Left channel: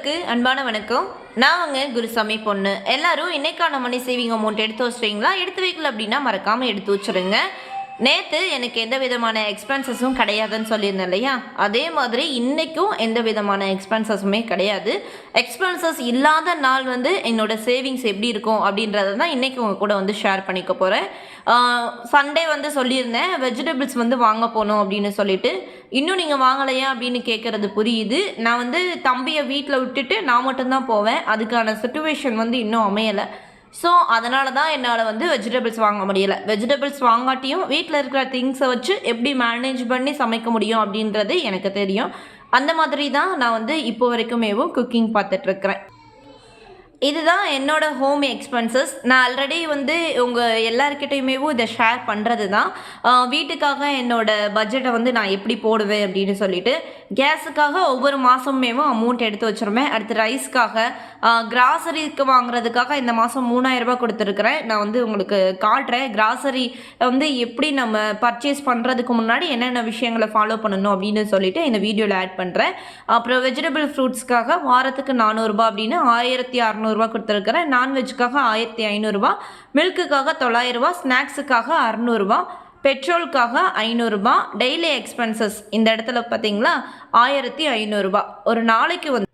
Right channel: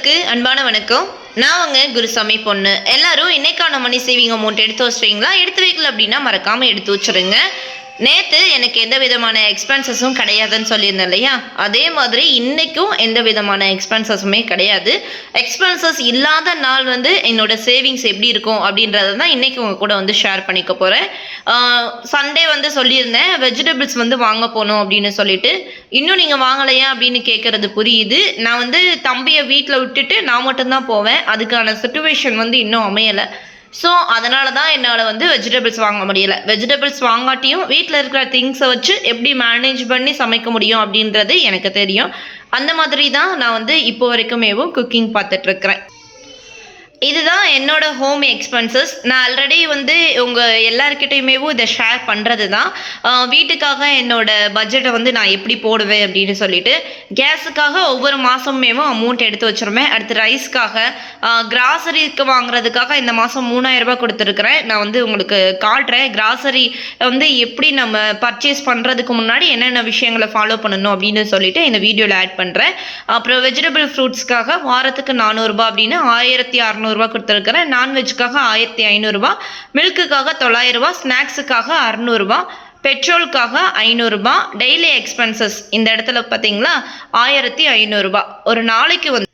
நண்பர்களுக்கு அன்பான வணக்கம். நான் அவங்க குருசாமி பொண்ணு. எல்லாரும் இன்னைக்கான மணி சேவிங் அமௌண்ட் எடுத்து வச்சிட்டீங்களா எடுத்து வைக்கல அப்படின்னா மறக்காமல் எடுத்து வச்சுருங்க. நேற்று எனக்கு எந்த விதமான எக்ஸ்பென்சஸும் கிடையாதுன்னு சொல்லியிருந்தேன் இல்லையா? அதே மாதிரி இன்றைக்கும் எந்த விதமான எக்ஸ்பென்சஸுமே கிடையாது. எக்ஸ்பென்சஸ் இல்லாத நாள் வந்து என்னோட சேவிங்ஸ் எப்படி இருக்கும் அப்படின்றத தான் இன்றைக்கி உங்கள் கூட வந்து ஷேர் பண்ணிக்க போகிறேன் சண்டே வந்து சொல்லியிருந்தேன் வெஜிடபிள்ஸ் வந்து வாங்க போகணும் அப்படின்னு சொல்லிட்டு. இன்னும் நீங்கள் வாங்கலையா அப்படின்னு கேட்குறது புரியுது. நான் வந்து தம்பியை வீட்டில் விட்டுட்டு நான் மட்டும்தான் போவேன். அதுக்கான சுச்சுவேஷன் வந்து இன்னும் அமையலை. ஸோ அதனால தான் என்னால் வந்து வெஜிடபிள்ஸ் வாங்க முடியல. வெஜிடபிள்ஸ் வாங்காட்டியும் வீட்டில் இருக்கிற திங்ஸை வச்சு எப்படி மேனேஜ் பண்ணி சமைக்க முடியும் அப்படின்றது எனக்கு தெரியும். அந்த மாதிரி தான் நான் வந்து இப்போ வரைக்குமேவும் குக்கிங் பார்த்துட்ருக்குறேன் இதுதான் என்னோட ஹோம் எக்ஸ்பென்சஸ் நான் ஆல்ரெடி வந்து உங்கள் எல்லாருக்கிட்டையுமேவும் இதை ஷேர் பண்ணுறது தான் வீட்டுக்காக என்னோட பட்ஜெட்டை வந்து நான் எப்படி போடுவேன் அப்படின்னு சொல்லிட்டு கேஸுக்காக ஒவ்வொரு மாதமேவும் அமௌண்ட் எடுத்து வச்சுருவேன். அடுத்து ரைஸ்க்காக கிராசரிக்கு வாங்குறதுக்காக இந்த மாதம் மூணாயிரரூபா கொடுத்துருக்குறேன். நான் வந்து உங்களுக்கு காட்டுறேன். கிராசரி வந்து எப்படி நம்ம பர்ச்சேஸ் பண்ணுறதுக்கு முன்னாடி என்னென்ன விஷயங்களை ஃபாலோ பண்ணணும் அப்படின்னு சொல்லிட்டு இந்த வீடியோவில் ஆட் பண்ணுறேன் அப்புறம் வெஜிடபிள் ஃப்ரூட்ஸ்க்காக வாரத்துக்கு நானூறுரூபா அப்படின்னு ஆயிரத்தி அறநூறு இரநூறுவா கொடுத்துருக்குறேன். நான்வெஜ்ஜுக்காக ஆயிரத்தி ஐநூறுரூவா மில்க்குக்காக தொள்ளாயிரரூவா ஸ்நாக்ஸுக்காக அறநூறுபா. பெட்ரோலுக்காக ஐநூறுரூபா டெய்லி எக்ஸ்பென்சஸ் இந்த இடத்துல பார்த்தீங்களா? ஆயிரத்தி ஐநூறுரூபா ஒரு நாளைக்கு வந்து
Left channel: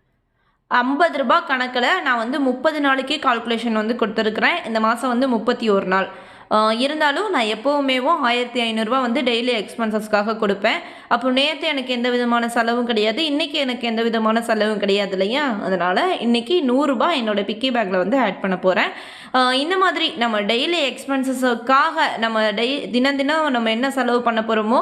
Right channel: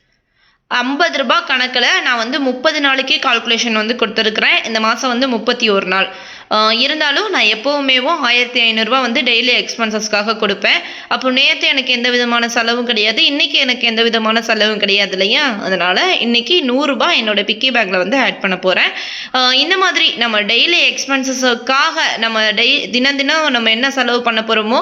ஐம்பது ரூபா கணக்கில் நான் வந்து முப்பது நாளைக்கு கால்குலேஷன் வந்து கொடுத்துருக்குறேன். இந்த மாதம் வந்து முப்பத்தி ஒரு நாள். இருந்தாலும் நான் எப்போவுமேவும் ஆயிரத்தி ஐநூறுரூவா வந்து டெய்லி எக்ஸ்பென்சஸ்க்காக கொடுப்பேன். அப்போ நேற்று எனக்கு எந்த விதமான செலவும் கிடையாது. இன்றைக்கி எனக்கு எந்த விதமான செலவும் கிடையாது இல்லையா? அதனால் இன்றைக்கி நூறுரூபா என்னோட பிக்கி பேக்கில் வந்து ஆட் பண்ண போகிறேன் இந்த மாதிரி நம்ம டெய்லி எக்ஸ்பென்சஸுக்காக நம்ம டெய் தினம் தினம் நம்ம என்ன செலவு பண்ண போகிறோமோ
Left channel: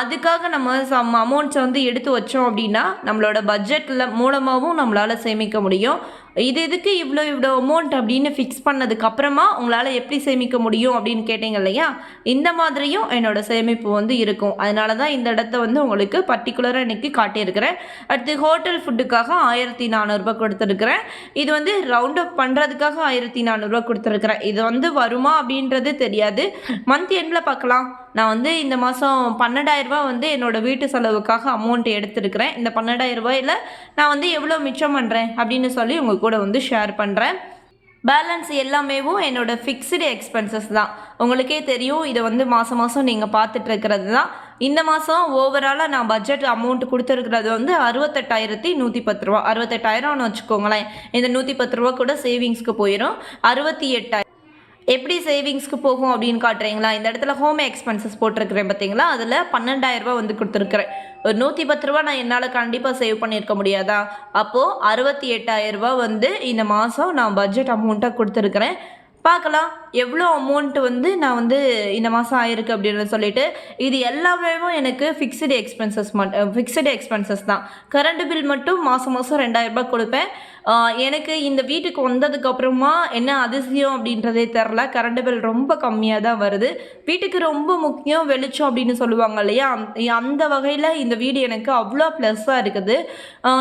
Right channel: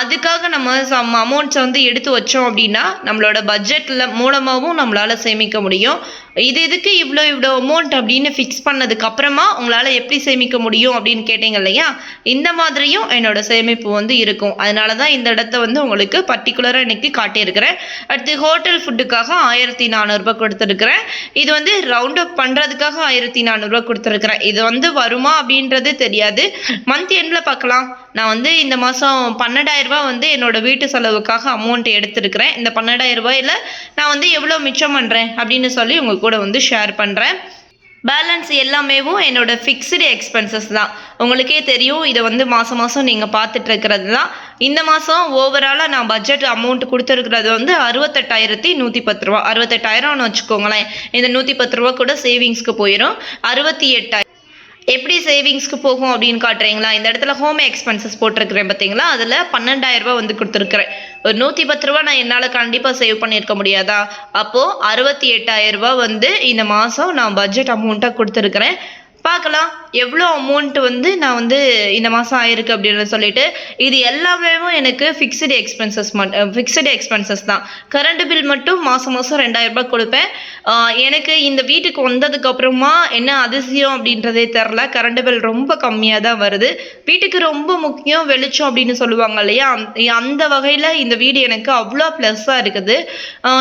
அதுக்காக நம்ம சம் அமௌண்ட்ஸை வந்து எடுத்து வச்சோம் அப்படின்னா நம்மளோட பட்ஜெட்டில் மூலமாகவும் நம்மளால் சேமிக்க முடியும். இது இதுக்கு இவ்வளோ இவ்வளோ அமௌண்ட் அப்படின்னு ஃபிக்ஸ் பண்ணதுக்கு அப்புறமா உங்களால் எப்படி சேமிக்க முடியும் அப்படின்னு கேட்டீங்க இல்லையா? இந்த மாதிரியும் என்னோட சேமிப்பு வந்து இருக்கும். அதனால தான் இந்த இடத்த வந்து உங்களுக்கு பர்டிகுலராக இன்னைக்கு காட்டியிருக்கிறேன். அடுத்து ஹோட்டல் ஃபுட்டுக்காக ஆயிரத்தி நானூறுரூபா கொடுத்துருக்குறேன். இது வந்து ரவுண்ட் அப் பண்ணுறதுக்காக ஆயிரத்தி நானூறுரூவா கொடுத்துருக்குறேன். இது வந்து வருமா அப்படின்றது தெரியாது. மந்த் எண்டில் பார்க்கலாம். நான் வந்து இந்த மாதம் பன்னெண்டாயிரரூபா வந்து என்னோடய வீட்டு செலவுக்காக அமௌண்ட் எடுத்திருக்கிறேன். இந்த பன்னெண்டாயிரரூபாயில் நான் வந்து எவ்வளோ மிச்சம் பண்ணுறேன் அப்படின்னு சொல்லி உங்கள் கூட வந்து ஷேர் பண்ணுறேன் பேலன்ஸ் எல்லாமேவும் என்னோடய ஃபிக்ஸ்டு எக்ஸ்பென்சஸ் தான். உங்களுக்கே தெரியும் இதை வந்து மாதம் மாதம் நீங்கள் பார்த்துட்ருக்கிறது தான். இந்த மாதம் ஓவராலாக நான் பட்ஜெட் அமௌண்ட் கொடுத்துருக்கிறது வந்து அறுபத்தெட்டாயிரத்தி நூற்றி பத்து ரூபா. அறுபத்தெட்டாயிரம்னு வச்சுக்கோங்களேன். இந்த நூற்றி பத்து ரூபா கூட சேவிங்ஸ்க்கு போயிடும் அறுபத்தி எட்டாயிரம் எப்படி சேவிங்ஸ்க்கு போகும் அப்படின்னு காட்டுறீங்களா? இந்த இடத்துல ஹோம் எக்ஸ்பென்சஸ் போட்டிருக்கிறேன் பார்த்தீங்களா? அதில் பன்னெண்டாயிரரூபா வந்து கொடுத்துருக்குறேன். ஒரு நூற்றி பத்து ரூபா நான் என்னால் கண்டிப்பாக சேவ் பண்ணியிருக்க முடியாதா? அப்போது அறுபத்தி எட்டாயிரரூபா வந்து இந்த மாதம் நான் பட்ஜெட் அமௌண்ட்டாக கொடுத்துருக்குறேன். பார்க்கலாம். எவ்வளோ அமௌண்ட் வந்து நான் வந்து இந்த மாதம் ஆயிருக்கு அப்படின்னு சொல்லிட்டு இது எல்லாமே எனக்கு ஃபிக்ஸ்டு எக்ஸ்பென்சஸ் மட்டும் ஃபிக்ஸ்டு எக்ஸ்பென்சஸ் தான். கரண்ட் பில் மட்டும் மாதம் மாதம் ரெண்டாயிரரூபா கொடுப்பேன். எனக்கு இந்த வீட்டுக்கு வந்ததுக்கப்புறமா என்ன அதிசயம் அப்படின்றதே தெரில கரண்ட் பில் ரொம்ப கம்மியாக தான் வருது. வீட்டுக்கு ரொம்ப முக்கியம் வெளிச்சம் அப்படின்னு சொல்லுவாங்க இல்லையா? அந்த- அந்த வகையில் இந்த வீடு எனக்கு அவ்வளோ ப்ளஸ்ஸாக இருக்குது.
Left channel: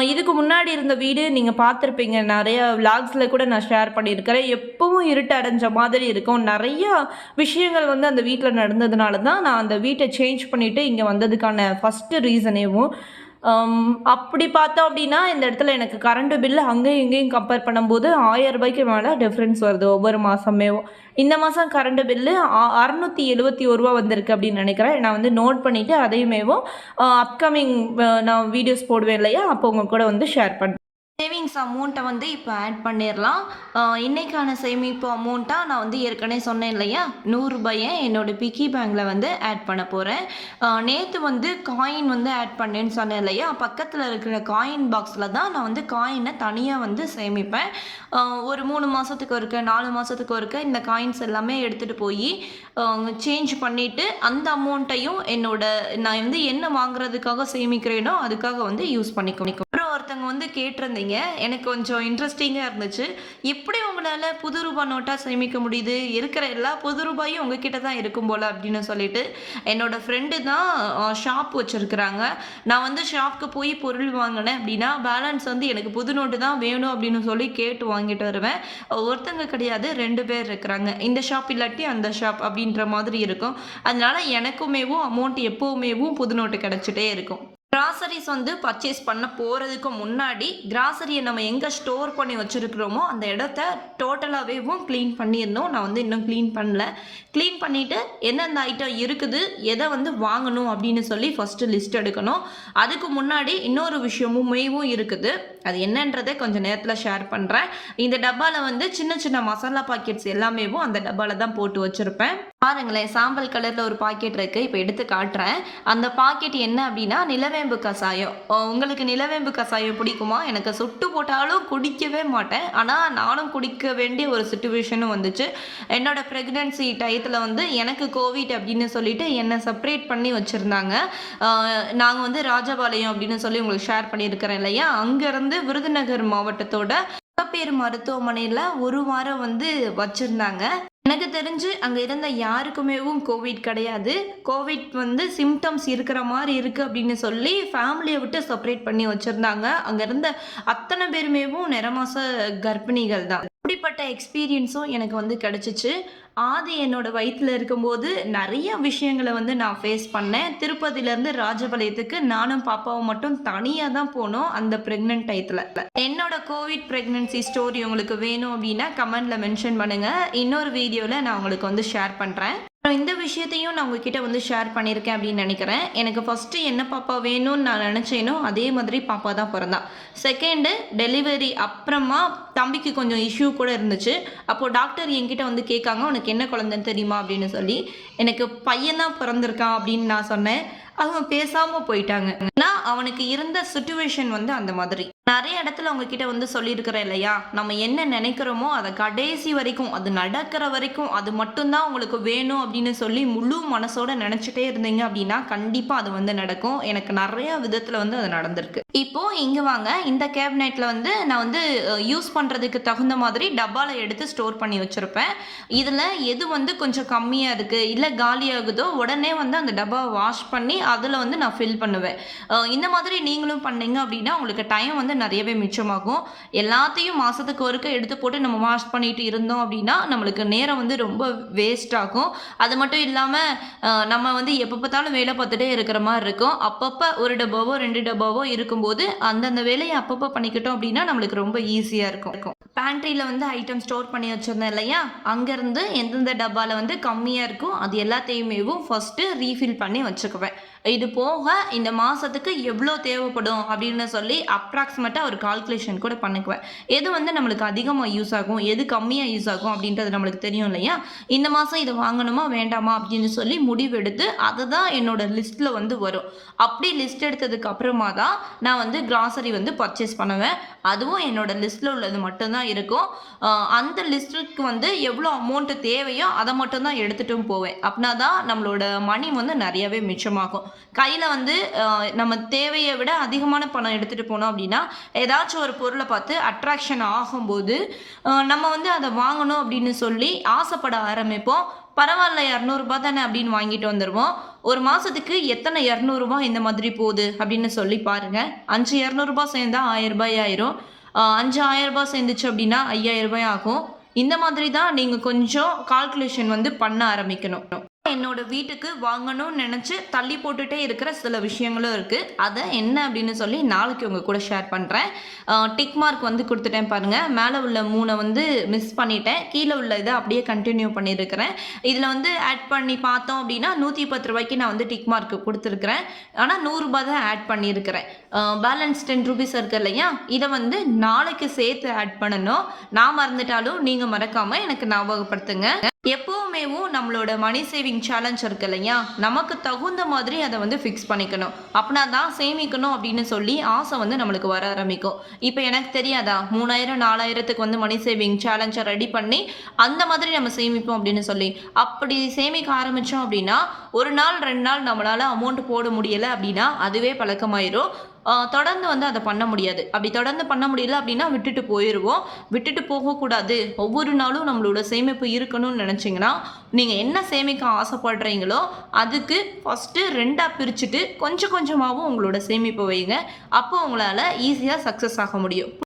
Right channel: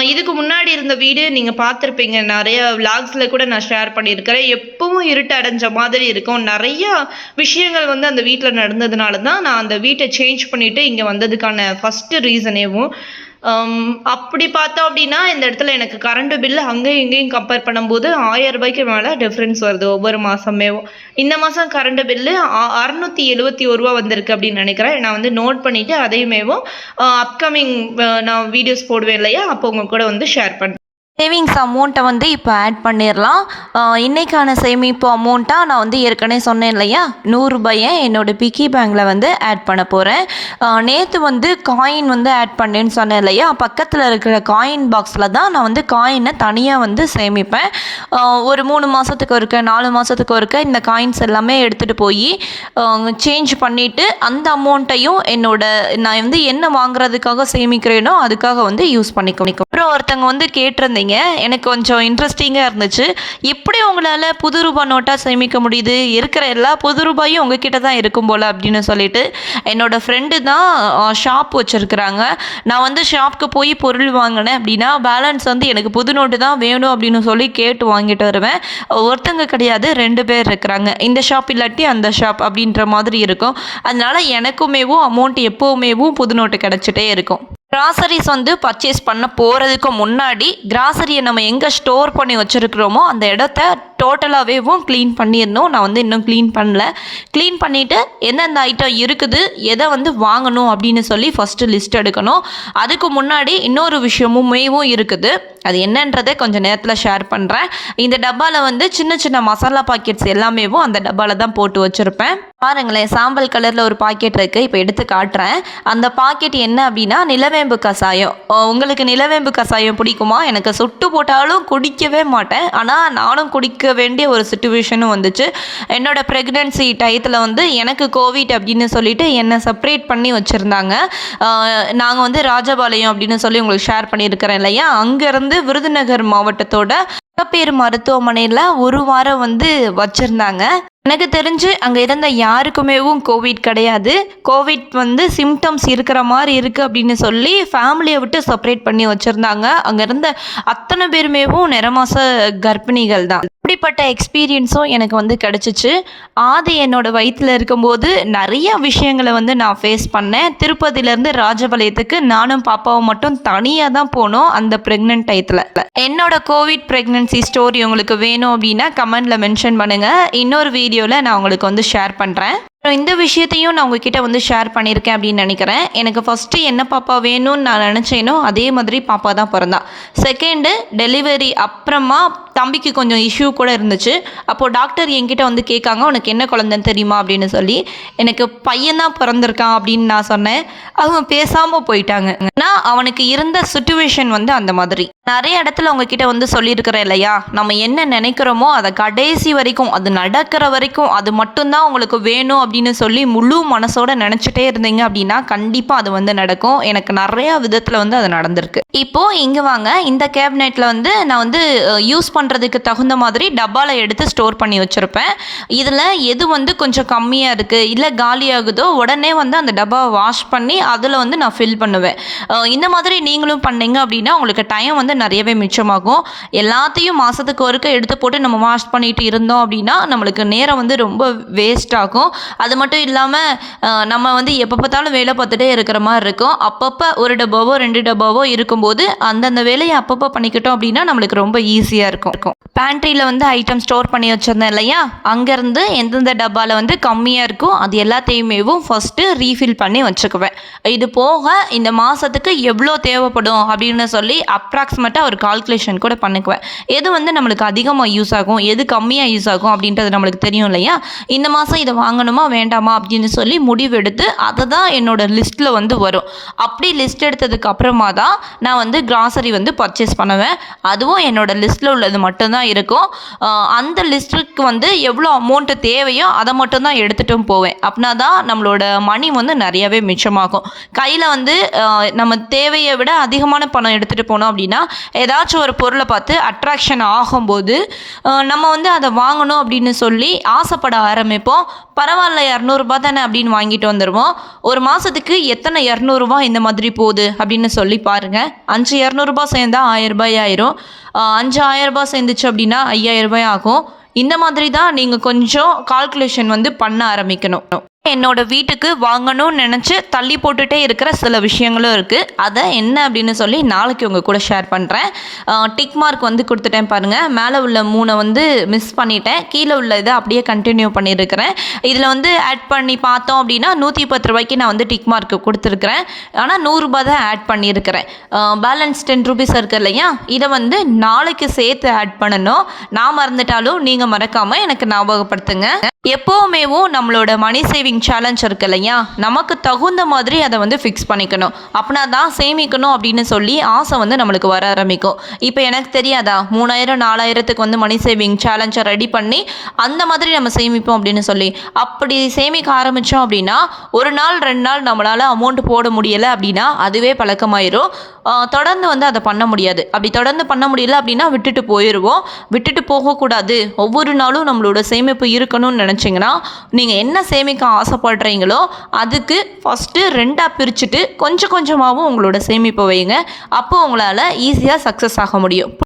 இதுக்கு முன்னாடி இருந்த வீடு நீங்கள் பார்த்துருப்பீங்க. நிறைய விளாக்ஸில் கூட நான் ஷேர் பண்ணியிருக்கிறேன். எப்பவும் இருட்டடைஞ்ச மாதிரி இருக்கும். நிறைய விஷயங்கள் வந்து அந்த வீட்டில் நடந்ததுனால தான் நான் அந்த வீட்டை சேஞ்ச் பண்ணிவிட்டு இங்கே வந்ததுக்கான ஃபஸ்ட்டு ரீசனேவும் அப்படி பார்த்தோம் அப்படின்னா இந்த இடத்துல எனக்கு கரண்ட்டு பில்லு அங்கேயும் இங்கேயும் கம்பேர் பண்ணும்போது ஆயிரம் ரூபாய்க்கு மேலே டிஃப்ரென்ஸ் வருது ஒவ்வொரு மாதமேவும் இந்த மாதம் கரண்ட் பில்லு அறநூற்றி எழுபத்தி ஒரு ரூபா வந்திருக்கு அப்படின்னு நினைக்கிறேன். நான் வந்து நோட் பண்ணிவிட்டு அதையுமேவும் அப்கமிங் நான் வீடியோஸ் போடுவேன் இல்லையா? அப்போ உங்கள் கூட வந்து ஷேர் பண்ணுறேன் சேவிங்ஸ் அமௌண்ட்டை வந்து இப்போ ஆட் பண்ணிடலாம் இன்றைக்கான சேமிப்பு அமௌண்ட்டாக நான் வந்து ஏற்கனவே சொன்னேன் இல்லையா? நூறுரூபாயை என்னோட பிக்கி பேங்கில் வந்து ஆட் பண்ண போகிறேன் நேற்று வந்து காயின் வந்து ஆட் பண்ணேன்னு சொன்னேன் இல்லையா? பக்கத்தில் இருக்கிற காயின் பாக்ஸில் தான் நான் வந்து காயினை தனியாக வந்து சேமிப்பேன். ஒரு மூணு மாதத்துக்கு ஒருக்க நாலு மாதத்துக்கு ஒருக்க இந்த காயின்ஸ் எல்லாமே எடுத்துகிட்டு போய் சேஞ்ச் பண்ணிவிட்டு அந்த அமௌண்ட்டையும் என்னோட நான் வந்து என்ன வாங்குறதுக்காக சேமிக்கிறேனோ அதுக்காக வந்து யூஸ் பண்ணிக்கணும் அப்புறம் ஒருத்தவங்க வந்து கேட்டிருந்தீங்க எனக்கு கொஞ்சம் இன்ட்ரெஸ்டிங்காக இருந்துச்சு. எப்படி உங்களால் புது ரூபாய் நோட்டாக சேமிக்க முடியுது? இருக்கிற எல்லா புது ரூபாயும் உங்ககிட்ட தான் இருக்கும் போல் அப்படின்னு சொல்லிட்டு என்னோடய ஃப்ரெண்டு தான் ஷாப் வச்சுருக்குறாங்க. நான் வந்து ஷாப்புக்கு போய் பொருள் வாங்கினேன் அப்படின்னா பேலன்ஸ் வந்து எனக்கு புது நோட்டு தான் வேணும் அப்படின்னு சொல்லி கேட்டு வாங்கிட்டு வருவேன். ஒருத்தங்க கிடையாது ரெண்டு பேர் இருக்கிறாங்க. இந்த ஷாப் இல்லாட்டி அந்த ஷாப் அப்படின்ற மாதிரி இருக்கும். அதனால எனக்குமேவும் அமௌண்ட் எப்போவுமேவும் புது நோட்டு கிடச்சிட்டே இருக்கும். கிராசரிஸ் வந்து பர்ச்சேஸ் பண்ண போகிறதுக்கு முன்னாடி கிராசரியை நம்ம எங்கே ஸ்டோர் பண்ணி வச்சுருக்கிறோமோ அந்த இடத்த டோட்டலாகவேவும் க்ளீன் பண்ணிடணும். நான் வந்து இன்னும் க்ளீன் பண்ணல. க்ளீன் பண்ணிவிட்டு எந்தெந்த ஐட்டம் இருக்குது எதை வந்து வாங்கணும் அப்படின்னு சொல்லி ஃபஸ்ட்டு லிஸ்ட் எடுக்கணும். அதுக்கு முன்னாடி இன்னொரு விஷயமுமேவும் இருக்குது. அது என்னன்றதை கொஞ்சம் நேரத்தில் ஷேர் பண்ணுறேன் இந்த டப்பாவில் வந்து சின்ன சின்ன மசாலா பாக்கெட்ஸ் எல்லாமேவும் அந்த டப்பாவில் தான் போட்டு வச்சுருப்பேன். பாருங்களேன் சாம்பல் கலரில் ஒரு பாக்கெட் இருக்குது இப்போ எடுத்து காட்டுறேன். அந்த பாக்கெட் என்ன அப்படின்னா நிலவேம்பு கஷாயம் உங்களுக்கு நிலவேம்பு கஷாயம் பிடிக்குமா? எனக்கு சுட்டு போட்டாலும் குடிக்கவே மாட்டேன். ஆனால் நானும் குடிக்க வேண்டிய ஒரு சுச்சுவேஷனும் வந்துச்சு. என்னோட ப்ரெக்னென்சி டயத்தில் வந்து எனக்கு கோவிட் அப்படின்னு சொல்லிட்டு என்னை செப்பரேட் பண்ணி வச்சுருந்தாங்க. நாங்கள் வந்து ராஜபாளையம் அப்படின்னு சொல்லி உங்களுக்கு ஷேர் பண்ணியிருக்கிறேன் இல்லையா? அங்கேருந்து விருதுநகர் மாவட்டத்தோட மகப்பேறு மருத்துவமனையில் ஒரு வாரம் வந்து வச்சுருந்தாங்க. எனக்கு தெரிஞ்சு அங்கே இருந்த யாருக்குமேவும் கோவிட் கிடையாது. கோவிட் வந்து சிம்டம்ஸ் இருக்கிற மாதிரி இருக்குது அப்படின்னு சொல்லி ஃபேமிலியை விட்டு செப்பரேட் பண்ணி வச்சுருந்தாங்க. அங்கே இருந்த அத்தனை பேருமேவும் நிறமாச கர்ப்பிணிகள் தான். அப்படிப்பட்ட எக்ஸ்பீரியன்ஸும் எனக்கு வந்து கிடச்சிச்சு. ஆதி என்னோடய வயிற்றில் இருக்கும்போது நிறைய விஷயங்களை வந்து நான் ஃபேஸ் பண்ணேன். திருப்பதியிலேருந்து ராஜபாளையத்துக்கு நானும் பாப்பாவும் மட்டும் தனியாக தான் போனோம் அந்த ப்ரெக்னென்ட் டயத்தில் என்னோட கோவிட் ப்ரெக்னென்சி ஸ்டோரி உங்களுக்கு வேணும் அப்படின்னா கமெண்டில் மென்ஷன் பண்ணுங்கள் இன்னொரு வீடியோவில் நான் உங்களுக்கு வந்து ஷேர் பண்ணுறேன் இந்த விஷயத்தையும் நான் உங்ககிட்ட வந்து ஷேர் பண்ணியிருக்கேன் அப்படின்னு நினைக்கிறேன். எனக்கு ஃபஸ்ட்டு என்ன பாப்பா வேணும்னு நான் நினச்சேனோ அதே மாதிரி பாப்பா தான் பிறந்தா. செகண்டு டெலிவரி அப்புறமா தம்பிக்கு கொஞ்சம் இஷ்யூ கூட இருந்துச்சு. அப்போது டாக்டர் என்கிட்ட வந்து கேட்காங்க உனக்கு என்ன குழந்தைன்னு தெரியுமா? அப்படின்னு சொல்லி. எனக்கு பையன் தான் பிறந்திருக்கான் அப்படின்னு நான் சொன்னேன். அவங்க பேசாமல் போயிட்டாங்க. நான் அவனுக்கு இருந்த சுச்சுவேஷன் வந்து அந்த மாதிரி. நிறைய இடத்துல உங்ககிட்ட வந்து சொல்லியிருக்கிறேன் இல்லையா? நம்ம என்ன நினைக்கிறோமோ அதை கடைசி வரைக்கும் அது நடக்கிற வரைக்கும் அது மட்டும்தான் உங்களுக்கு வேணும் அப்படின்னு சொல்லி முழு மனசோட நினச்சிட்டே இருந்தீங்க அப்படின்னா கண்டிப்பாக அது வந்து நடக்கும். எனக்கு நிறைய விதத்தில் வந்து அது நடந்திருக்கு. இப்போது இங்கே வாங்க. இந்த கேபினெட்டில் வந்து நான் வந்து யூஸ் பண்ணுறதுக்கு தகுந்த மாதிரி டப்பாவில் எடுத்து ஸ்டோர் பண்ணி வச்சுருப்பேன். இதில் எது வந்து கொஞ்சம் கம்மியாக இருக்குது இல்லை காலியாகுதோ உடனே வந்து அந்த டப்பாவை வாஷ் பண்ணி அதில் வந்து நான் ஃபில் பண்ணுவேன். இந்த மாதிரி நீங்களும் பண்ணீங்க அப்படின்னா உங்களுக்கு டைம் வந்து நிறையவே மிச்சமாகும். எல்லாத்தையும் மாதத்துக்கு ஒருக்க எடுத்து போட்டு நம்ம வாஷ் பண்ணிட்டு இருந்தோம் அப்படின்னா நம்மளுக்கு நேரம் வந்து ரொம்ப வேஸ்ட் ஆகும். அது மட்டும் இல்லாமல் நம்ம வந்து எப்போ பார்த்தாலும் வேலை பார்த்துட்டே இருக்கிற மாதிரி இருக்கும். அப்பப்போ ஒரு டப்பாவோ ரெண்டு டப்பாவோ இருக்கும்போது அந்தந்த வேலையை அப்பப்போ பண்ணிக்கிட்டோம் அப்படின்னா நம்மளுக்கு ரொம்ப ஈஸியாக இருக்கும். இருக்கும் பேண்ட்ரியில் வந்து ஐட்டம் ஸ்டோர் பண்ணி வச்சுருந்தேன் இல்லையா? அங்கேருந்து எந்தெந்த டப்பாவில் வந்து கம்மியாக இருக்கோ அது எல்லாத்தையுமேவும் ஃபஸ்ட்டு ரீஃபில் பண்ணி வச்சுக்குவேன். இது போக இந்த மாதத்துக்கு எவ்வளோ தேவைப்படும் அப்படின்னு சொல்லி அப்ராக்சிமேட்டாக ஒரு கால்குலேஷன் கூட பண்ணிக்குவேன். எது வந்து நம்மளுக்கு அதிகமாக யூஸ் ஆகும் எது கம்மியாக யூஸ் ஆகும் அப்படின்றது நம்மளுக்கு தெரியும் இல்லையா? இந்த மாதம் இதை வாங்கணுமா வேண்டாமா அப்படின்னு சொல்லி முடிவெடுத்து அதை தான் என்னோட லிஸ்ட்டில் வந்து வரும். அப்படி லிஸ்ட் எடுத்ததுக்கு அப்புறமா தான் நான் வந்து கிராசரி வந்து பர்ச்சேஸ் பண்ணுவேன். அதுவும் என்னோட லிஸ்ட்டில் உள்ளது மட்டும்தான் இருக்கும். அந்த லிஸ்ட்டுக்கு வந்து எவ்வளோ அமௌண்ட்டு தேவையோ அதை மட்டும்தான் எடுத்துட்டும் போவேன். அப்படின்னா தான் நம்மளோட மணி வந்து நிறையவே மிச்சமாகும். கையில் வந்து நம்ம தேவையை விட அதிகமான பணம் எடுத்துகிட்டு போனோம் அப்படின்னா ஏதாச்சும் ஒரு பொருளை பார்த்து அட்ராக்ஷன் ஆகும்போது நம்ம வந்து அதை வாங்கணும் அப்படின்னு சொல்லி ஆசைப்பட ஆரம்பிப்போம். பரவாயில்ல இரநூறுபா தானே அப்படின்னு வாங்கிட்டு வந்துடுவோம் ஒரு மாதத்துக்கு எத்தனை இரநூறுபா இந்த மாதிரி போகுது அப்படின்னு சொல்லி பாருங்கள் அஞ்சு இரநூறுபா சேர்ந்தா ஆயிரரூபாய் ஆயிரும். அஞ்சு ஆயிரம் ரூபாய் சேர்ந்துச்சு அப்படின்னா ஐயாயிரம் ரூபாய் ஆகும். இந்த மாதிரி தான் நீங்கள் கொஞ்சம் கால்குலேஷன் வந்து பண்ண ஆரம்பிக்கணும். என்னோட வீட்டுக்கு வாங்கணும்னு நினச்சி தள்ளி போட்டுகிட்டே இருக்கிற சில விஷயங்களும் இருக்குது அதை என்ன அப்படின்னு சொல்லி நாளைக்கு உங்கள் கூட ஷேர் பண்ணுறேன் டிக் மார்க் வந்து கொடுத்துட்டேன் பாருங்கள் மேலே உள்ள மூணை வந்து மிஸ் பண்ணிட்டேன். கீழே உள்ள இதை அப்படியே கண்டினியூ பண்ணியிருக்கிறேன். இதில் வந்து ஆட் பண்ணி பார்த்தோம் அப்படின்னா நூற்றி பத்து ரூபாய்க்கு நான் வந்து டிக் மார்க் கொடுத்துருக்குறேன். ஆனால் நூறுரூபா தான் ஆட் பண்ணியிருக்கிறேன். பேலன்ஸ் டென் ருபீஸ் இருக்குது இல்லையா? இதை வந்து நாளைக்கு சேர்த்து ஆட் பண்ணணும். நான் மறந்துட்டாலும் நீங்கள் மறக்காமல் எனக்கு ஞாபகப்படுத்துங்க. எப்போவுமேவும் நம்மளோட மணி சேவிங் சேலஞ்ச் இருக்கு இல்லையா? நமக்கு தகுந்த மாதிரி அதை வந்து ஃபிக்ஸ் பண்ணிக்கணும். அப்படின்னா தான் சேமிக்கணும் அப்படின்னு சொல்லி ஆசை வந்து நம்மளுக்கு வர ஆரம்பிக்கும். இப்போ எனக்கு தெரியாதா? மூணாயிரம் நாலாயிரத்துக்கு வந்து மணி சேவிங் சேலஞ்சை ரெடி பண்ணி அந்த மாதிரி நம்ம சேமிப்போம் அப்படின்னு சொல்லி. அப்படி சேமிக்க ஆரம்பித்தோம் அப்படின்னா ஒரு நாள் ரெண்டு நாள் நம்மளால் அமௌண்ட் போட முடியலை அப்படின்னா அதுவே பழக்கமாயிரும். தொடர்ந்து வந்து அதை பண்ண முடியாது. அப்படி தொடர்ந்து பண்ண முடியல அப்படின்னா விட்டுட்டு போயிடுவோம். விட்டுட்டு போகக்கூடாது. ஒவ்வொரு நாளும் நம்மளோட சேமிப்பு இருக்கணும்னு நினச்சிங்கன்னா நீங்கள் என்ன சேமிக்க ஆசைப்படுறீங்களோ அதுக்கு ஃபஸ்ட்டு ரெண்டாக பிரிச்சுட்டு கொஞ்சம் கொஞ்சமாகவும் உங்களோட சேமிப்பை வைங்க அப்போ உங்களால் ஈஸியாக சக்ஸஸ் ஆக முடியும்.